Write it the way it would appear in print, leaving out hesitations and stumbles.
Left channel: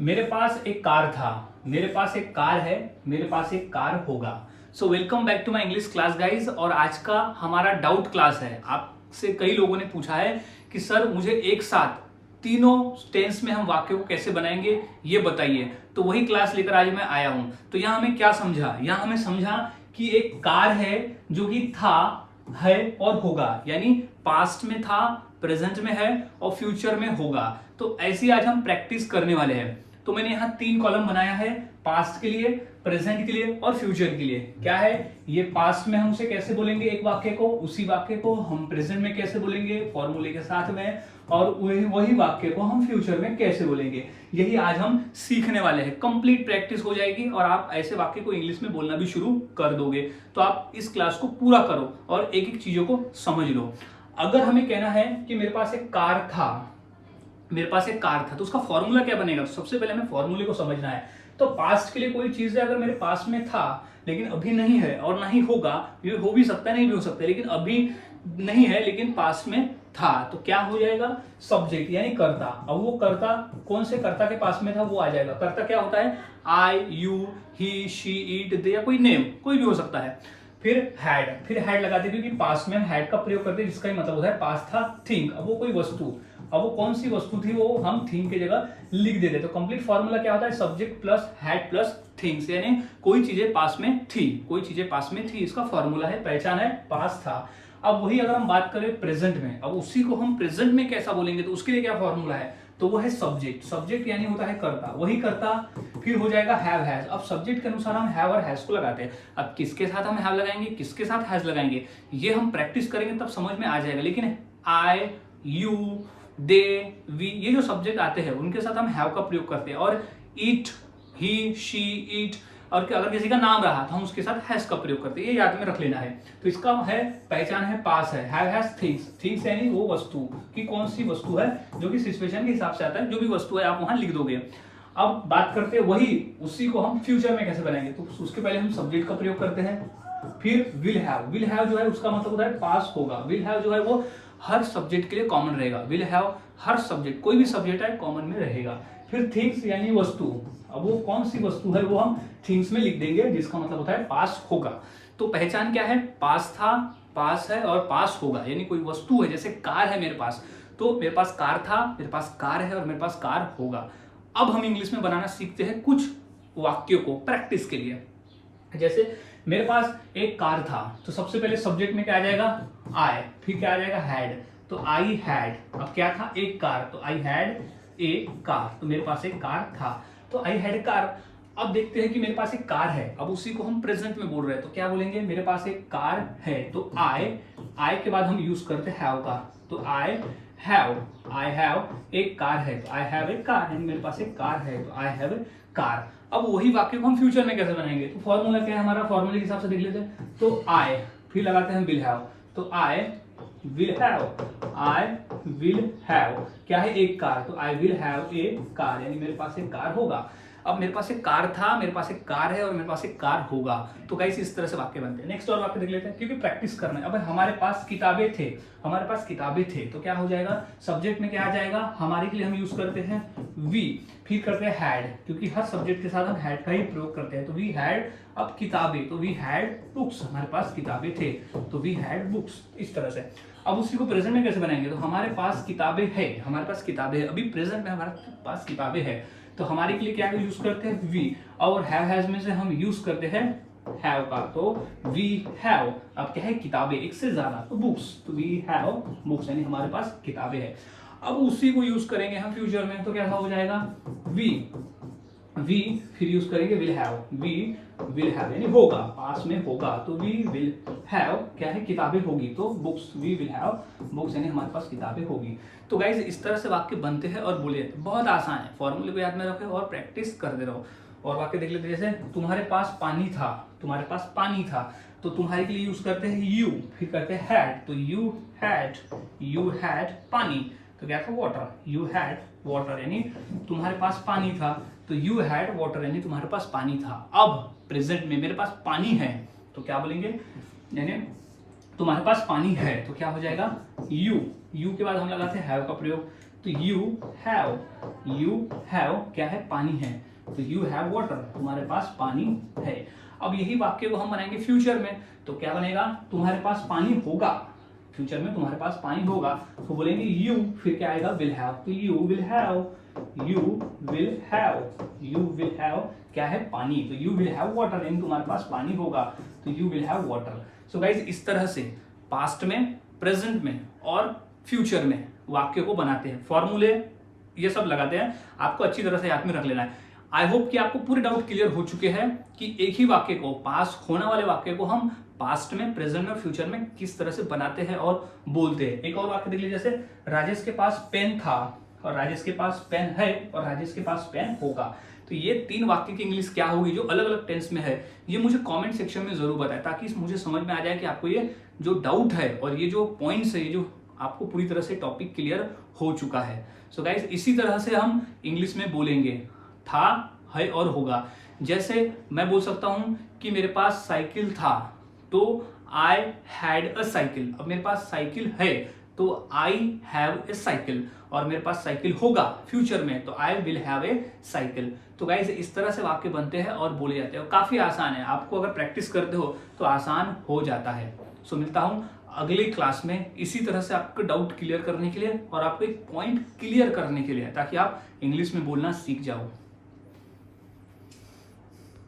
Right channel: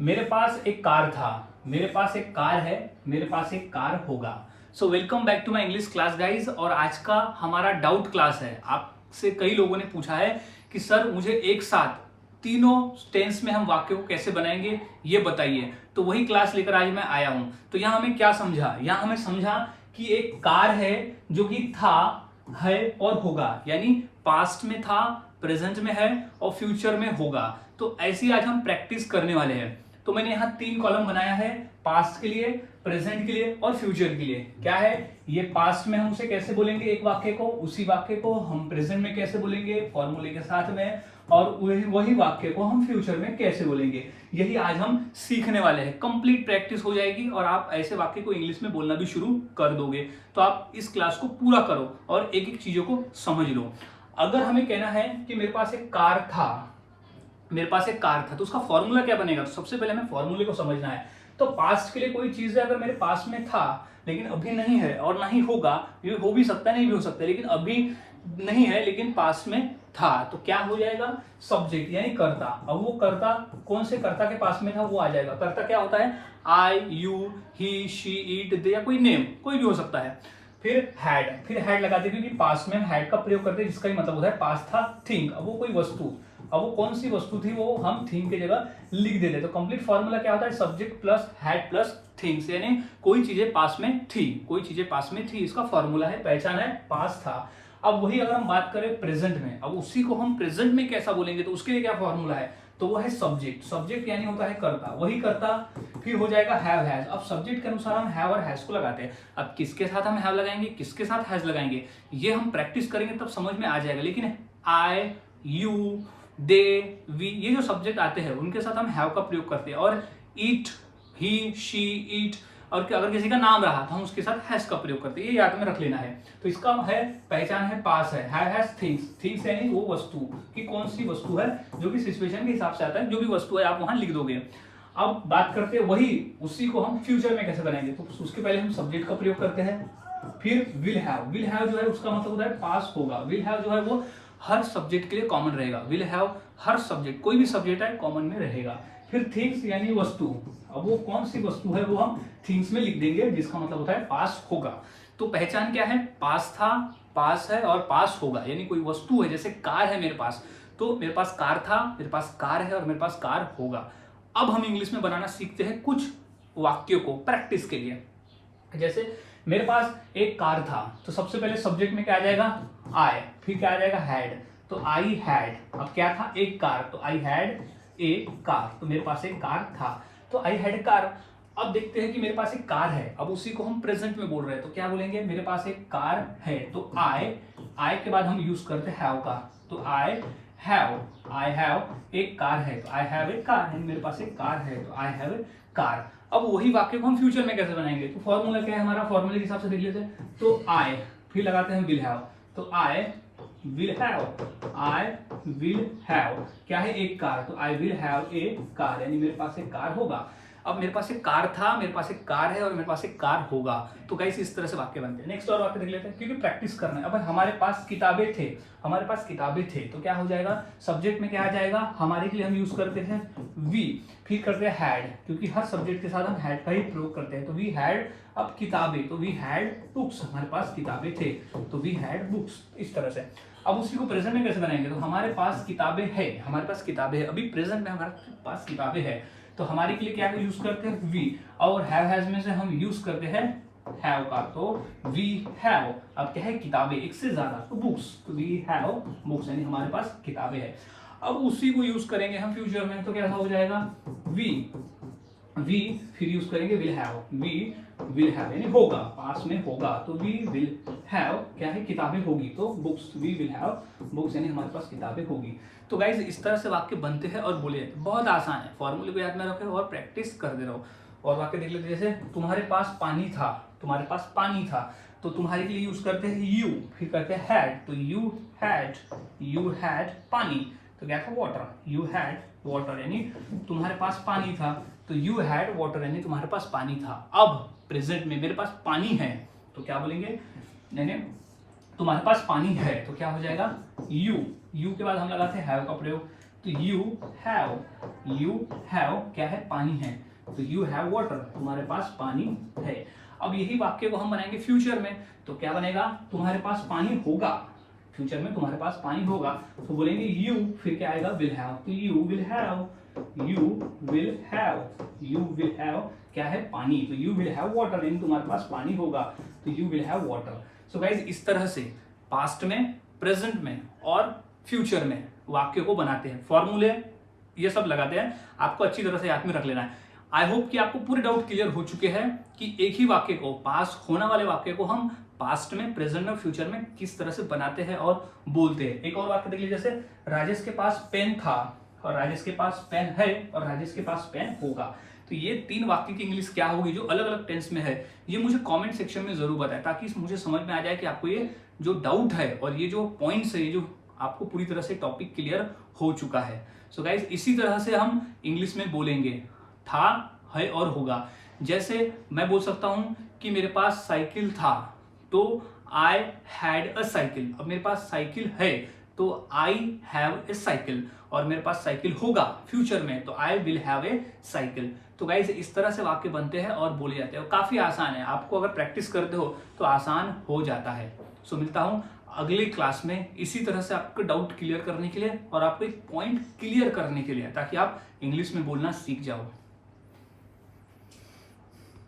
मेरे पास एक कार था, मेरे पास एक कार है, मेरे पास एक कार होगा। So welcome back to my English class guys. और आज का हमारा डाउट क्लास है। आपसे कई लोगों ने पूछा है कि सर मुझे एक साथ तीनों टेंस में हम वाक्य को कैसे बनाएंगे ये बताइए। तो वही क्लास लेकर आज मैं आया हूं। तो यहां हमें क्या समझा, यहां हमें समझा कि एक कार है जो कि था, है और होगा, यानी पास्ट में था, प्रेजेंट में है और फ्यूचर में होगा। तो ऐसी आज हम प्रैक्टिस करने वाले हैं। तो मैंने यहाँ 3 कॉलम बनाया है, पास्ट के लिए, प्रेजेंट के लिए और फ्यूचर के लिए। क्या है ये, पास्ट में हम उसे कैसे बोलेंगे एक वाक्य को, उसी वाक्य को हम प्रेजेंट में कैसे बोलेंगे फॉर्मूले के साथ में, और वही वाक्य को हम फ्यूचर में कैसे बोलेंगे, यही आज हम सीखने वाले हैं। कंप्लीट प्रैक्टिस हो जाएगी और आप ऐसे वाक्य को इंग्लिश में बोलना भी शुरू कर दोगे। तो आप इस क्लास को पूरा करो और एक एक चीजों को समझ लो। अगर हमें कहना है कि मेरे पास एक कार था, मेरे पास एक कार था, तो उसका फॉर्मूला क्या बनेगा। तो सबसे पहले हमें फॉर्मूले को समझना है। तो पास्ट के लिए कोई चीज है, अगर मेरे पास में था लेकिन अभी नहीं है और ना ही होगा, ये हो भी सकता है नहीं भी हो सकता है, लेकिन अभी नहीं है लेकिन पास में था, तो क्या हो जाएगा, सब्जेक्ट यानी कर्ता। अब वो कर्ता कौन से कर्ता के पास में था वो आ जाएगा। कर्ता क्या होता है, आई, यू, ही, शी, इट, दे, या कोई नेम कोई भी हो सकता है। फिर हैड लगाते क्योंकि पास्ट में हैड का प्रयोग करते जिसका ही मतलब होता है पास्ट था थिंग। अब वो कोई वस्तु, अब वो कौन सी वस्तु थी वो हम थिंग की जगह लिख देते। तो कंप्लीट फॉर्मूला क्या होता है, subject plus had plus things, यानी कोई चीजें पास में थी, कोई चीजें पास में थी, इसका फॉर्मूला है, पहचान है, पास था। अब वही अगर हम बात करें प्रेजेंट में, अब उसी को हम प्रेजेंट में कैसा बोलेंगे, तो उसके लिए क्या फॉर्मूला है, तो वो है सब्जेक्ट यानी होता है कर्ता, वही कर्ता। फिर हो जाएगा हैव हैज। अब सब्जेक्ट के अनुसार हम हैव और हैज को लगाते हैं। अब किसके साथ हम हैव लगाएंगे, किसके साथ हैज लगाएंगे, ये हम प्रैक्टिस करेंगे तब समझ में आ जाएगा। लेकिन आई, यू, दे, वी, ये जो सब्जेक्ट आते हैं उनके साथ हम हैव का प्रयोग करते हैं। और इट, ही, शी, इट, और अगर किसी का नाम रहा तो हम उसके साथ हैज का प्रयोग करते हैं। ये याद में रख लेना है। तो इसका है पहचान है, पास है, हैव हैज थिंग्स। थिंग्स यानी वो वस्तु की कौन सी वस्तु है जो कि सिचुएशन के हिसाब से आता है, जो भी वस्तु है आप वहां लिख दोगे। अब बात करते हैं वही उसी को हम फ्यूचर में कैसे बनाएंगे। तो उसके पहले हम सब्जेक्ट का प्रयोग करते हैं। फिर विल हैव जो है उसका मतलब होता है पास होगा। विल हैव जो है वो हर सब्जेक्ट के लिए कॉमन रहेगा। विल हैव हर सब्जेक्ट, कोई भी सब्जेक्ट है कॉमन में रहेगा। फिर थिंग्स यानी वस्तु, अब वो कौन सी वस्तु है वो हम थिंग्स में लिख देंगे जिसका मतलब होता है पास होगा। तो पहचान क्या है, पास था, पास है और पास होगा, यानी कोई वस्तु है। जैसे कार है मेरे पास, तो मेरे पास कार था, मेरे पास कार है और मेरे पास कार होगा। अब हम इंग्लिश में बनाना सीखते हैं कुछ वाक्यों को प्रैक्टिस के लिए। जैसे मेरे पास एक कार था, तो सबसे पहले सब्जेक्ट में क्या आ जाएगा, आई, फिर क्या आ जाएगा, हैड। तो आई हैड, अब क्या था, एक कार, तो आई हैड ए कार, तो मेरे पास एक कार था, तो आई हैड कार। अब देखते हैं कि मेरे पास एक कार है, अब उसी को हम प्रेजेंट में बोल रहे हैं, तो क्या बोलेंगे, मेरे पास एक कार है। तो आई के बाद हम यूज करते हैं हैव का, तो आई हैव एक कार है, तो आई हैव ए कार, यानी मेरे पास एक कार है, तो आई हैव ए कार। अब वही वाक्य को हम फ्यूचर में कैसे बनाएंगे, तो फॉर्मूला क्या है हमारा, फॉर्मूले के हिसाब से देख लेते हैं। तो आई, फिर लगाते हैं विल हैव, तो आई विल हैव क्या है, एक कार, तो I will have a car, यानी मेरे पास एक कार होगा। अब मेरे पास एक कार था, मेरे पास एक कार है और मेरे पास एक कार होगा। तो गाइस इस तरह से वाक्य बनते हैं। नेक्स्ट और वाक्य देख लेते हैं, क्योंकि प्रैक्टिस करना है। अब हमारे पास किताबें थे, हमारे पास किताबें थे, तो क्या हो जाएगा, सब्जेक्ट में क्या आ जाएगा, हमारे के लिए हम यूज करते हैं वी, फिर करते हैं हैड, क्योंकि हर सब्जेक्ट के साथ हम हैड का ही प्रयोग करते हैं। तो वी हैड, अब किताबें, तो वी हैड बुक्स, हमारे पास किताबें थे, तो वी हैड बुक्स, इस तरह से। अब उसी को प्रेजेंट में कैसे बनाएंगे, तो हमारे पास किताबें हैं, हमारे पास किताबें हैं, अभी प्रेजेंट में हमारे पास किताबें हैं, तो हमारे के लिए क्या यूज करते हैं, वी, और हैव हैज में से हम यूज करते हैं हैव का, तो वी हैव, अब क्या है, किताबें, एक से ज्यादा, तो बुक्स, तो वी हैव बुक्स, यानी हमारे पास किताबें हैं। अब उसी को यूज करेंगे हम फ्यूचर में, तो कैसा हो जाएगा, वी फिर यूज करेंगे विल हैव यानी होगा, पास में होगा, तो वी विल हैव क्या है, किताबें होगी, तो books, we will have books, यानी हमारे पास किताबें होगी। तो गाइज इस तरह से वाक्य बनते हैं और बोले जाते हैं। बहुत आसान है, फॉर्मूले को याद में रखो और प्रैक्टिस करते रहो। और वाक्य देख लेते, जैसे तुम्हारे पास पानी था, तुम्हारे पास पानी था, तो तुम्हारे के लिए यूज करते हैं यू, फिर करते हैं हैड, तो यू हैड पानी, तो क्या था, वाटर, यू हैड वाटर, यानी तुम्हारे पास पानी था, तो यू हैड वाटर, यानी तुम्हारे पास पानी था। अब प्रेजेंट में मेरे पास पानी है, तो क्या बोलेंगे, यानी तुम्हारे पास पानी है, तो क्या हो जाएगा, यू के बाद हम लगाते हैं हैव का प्रयोग, तो यू हैव क्या है, पानी है, तो यू हैव वाटर, तुम्हारे पास पानी है। अब यही वाक्य को हम बनाएंगे फ्यूचर में, तो क्या बनेगा, तुम्हारे पास पानी होगा, फ्यूचर में तुम्हारे पास पानी होगा, तो बोलेंगे यू, फिर क्या आएगा, विल हैव, तो यू विल हैव क्या है, पानी, तो यू विल हैव वाटर, यानी तुम्हारे पास पानी होगा, तो you will have water. So guys इस तरह से पास्ट में, प्रेजेंट में और फ्यूचर में वाक्य को बनाते हैं, फॉर्मूले ये सब लगाते हैं, आपको अच्छी तरह से याद में रख लेना है। आई होप कि आपको पूरे डाउट क्लियर हो चुके हैं कि एक ही वाक्य को, पास होने वाले वाक्य को हम पास्ट में, प्रेजेंट में, फ्यूचर में किस तरह से बनाते हैं और बोलते हैं। एक और वाक्य देख लीजिए, जैसे राजेश के पास पेन था और राजेश के पास पेन है और राजेश के पास पेन होगा। तो ये 3 वाक्य की इंग्लिश क्या होगी जो अलग अलग टेंस में है, ये मुझे कमेंट सेक्शन में जरूर बताएं, ताकि मुझे समझ में आ जाए कि आपको ये जो डाउट है और ये जो पॉइंट्स है, ये जो आपको पूरी तरह से टॉपिक क्लियर हो चुका है। सो गाइस इसी तरह से हम इंग्लिश में बोलेंगे था, है और होगा। जैसे मैं बोल सकता हूं कि मेरे पास साइकिल था, तो आई हैड अ साइकिल। अब मेरे पास साइकिल है तो आई हैव ए साइकिल, और मेरे पास साइकिल होगा फ्यूचर में तो I will have a cycle. तो गाइस इस तरह से वाक्य बनते हैं और बोले जाते हैं, काफी आसान है, आपको अगर प्रैक्टिस करते हो तो आसान हो जाता है। सो मिलता हूं अगली क्लास में इसी तरह से आपको डाउट क्लियर करने के लिए और आपको एक पॉइंट क्लियर करने के लिए, ताकि आप इंग्लिश में बोलना सीख जाओ।